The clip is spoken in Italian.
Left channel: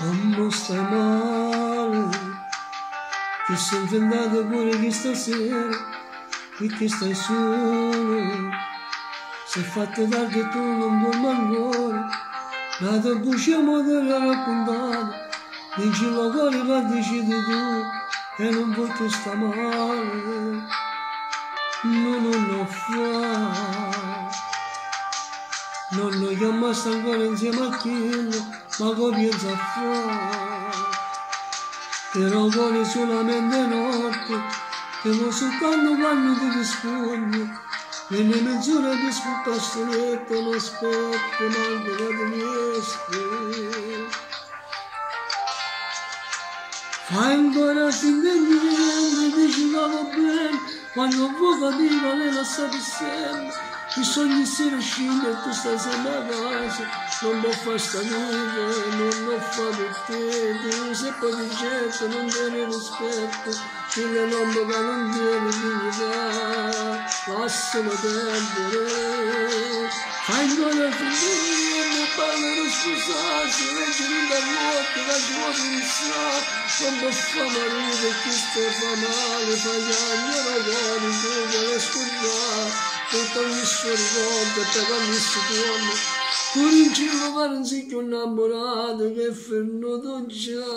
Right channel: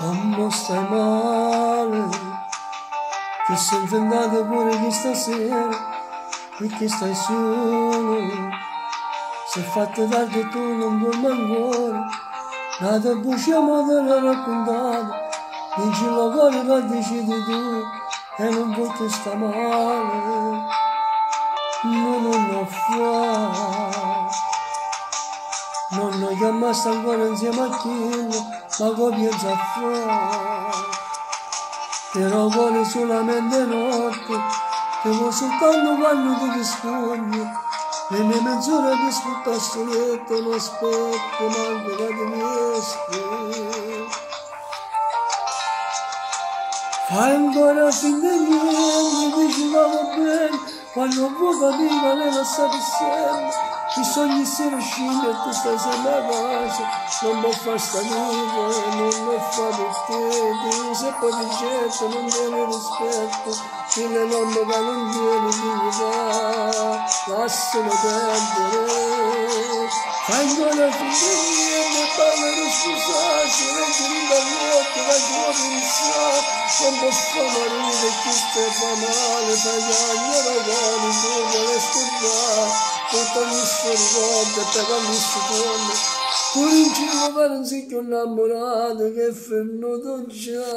Quando stai male, ti sei inventato pure che stasera, qui che stai solo, sei fatto tardi e tu non dormi ancora, nata busciamo te l'ho raccontato, dici lo cuore che decidi tu, e non vuoi che sta male, non lo fa. Non lo chiamaste ancora insieme a Chillo, ma come pensa a fare? Però vuole solamente notte, te vuoi soltanto quando tu ti scogli, nelle mezz'ore ti sfrutta sto letto, non aspetto manco che ti riesci. Fai ancora finta niente, dici va bene, quando vuoi capire lei la sa per sempre. I sogni si rescinde e tu stai sempre a casa, non può fare sta vita, non lo fa per te, ti usa e poi ti getta, non tiene rispetto, chi le nombre che non tiene dignità, lascialo perdere, fai ancora finire niente, parlano scusarsi, leggere da notte, la giornata pensare, non può fare marito chi sta fa male, fai anni e lavori, tu vuoi scordare, tutto mi sforzo, te quando si torna, pure in giro per un sicuro innamorato che è fermato già.